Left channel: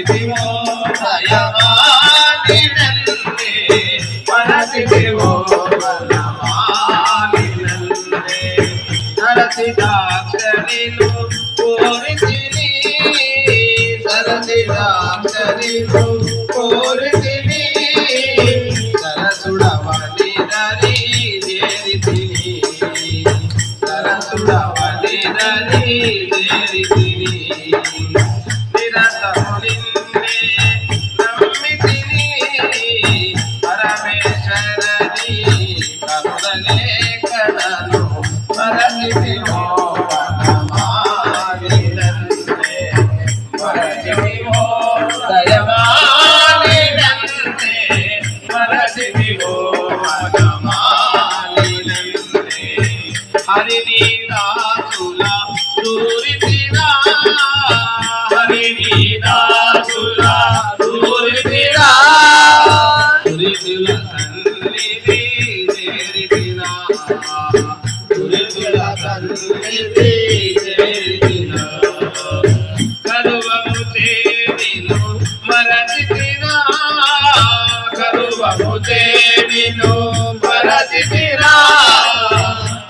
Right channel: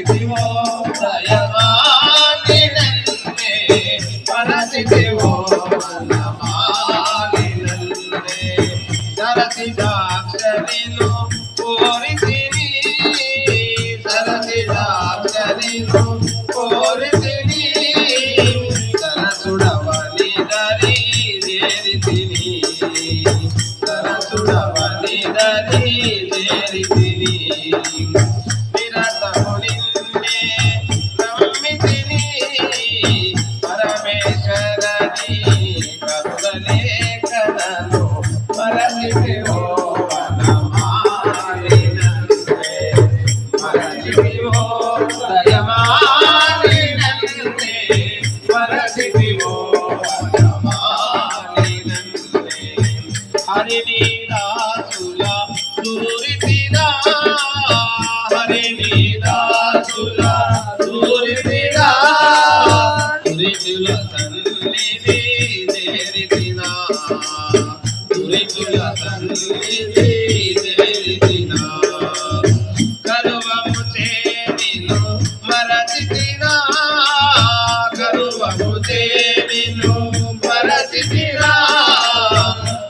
మరచితివో దయమాలినందే మరచితివో వనమాలినందే సరసి దాక్షరిలో కోరితిని సరసి దాక్షరిలో కోరితిని సరసుడవని దరి చేరితిని సరసుడవని దరి చేరితిని నిరతము నిన్నే నమ్మితిని పరమేశ్వరని కరుణలే కనను మరచితివో వనమాలినందే మరచితివో దయమాలినందే మరచితివో వనమాలినందే హరిని దాసుల దూరితిరా హరిని దాసుల దూరితిరా దురితుల తల్లిని చేరితిరా దురితుల తల్లిని చేరితిరా కరువము చేరిను మరచితిరా కరువము చేరిను మరచితిరా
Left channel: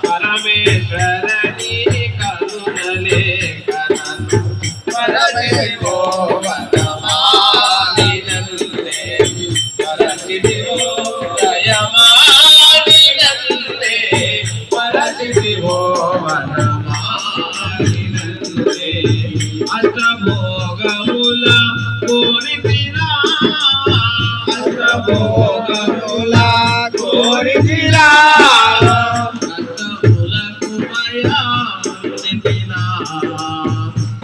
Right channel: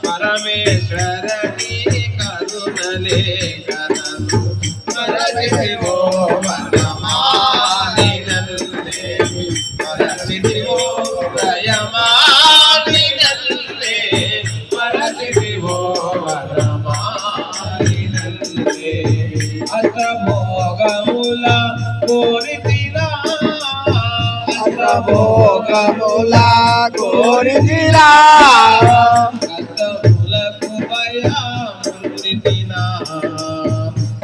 పరమేశ్వరని కరుణలే కనను మరచితివో వనమాలినందే మరచితివో దయమాలినందే మరచితివో వనమాలినందే అష్టభోగముల కోరితిరా అష్టభోగముల కోరితిరా కష్టములకు భయముందితినా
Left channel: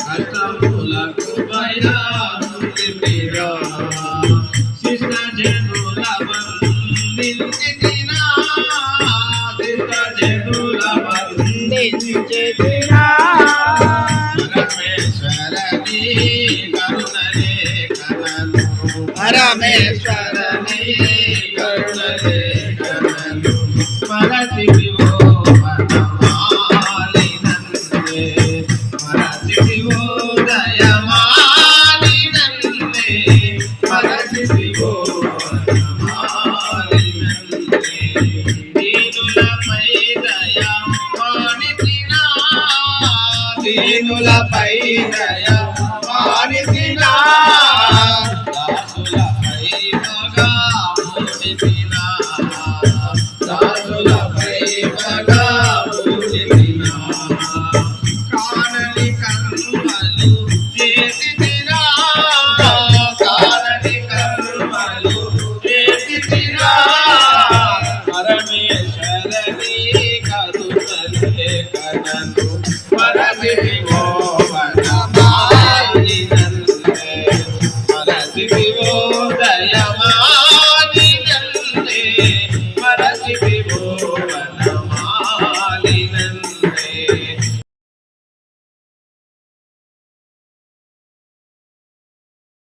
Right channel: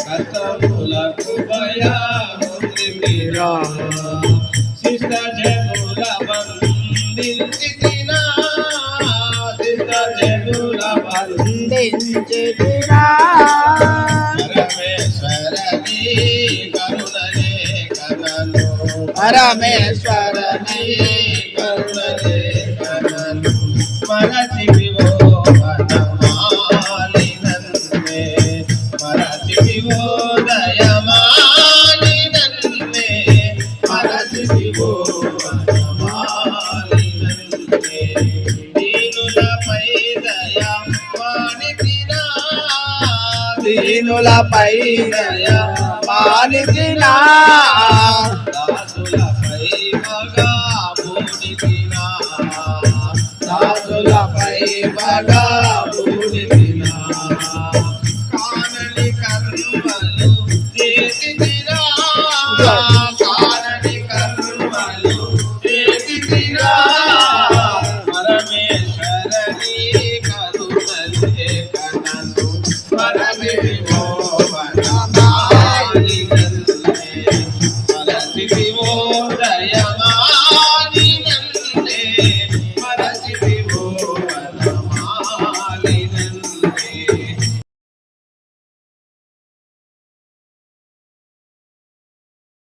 కష్టములకు భయముందితినా శిష్ట జనుల వందించితినా శిష్ట జనుల వందించితినా పరమేశ్వరని కరుణలే కనను పరమేశ్వరని కరుణలే కనను మరచితివో వనమాలినందే మరచితివో దయమాలినందే మరచితివో వనమాలినందే దీనులపై దయ మానితినా దీనులపై దయ మానితినా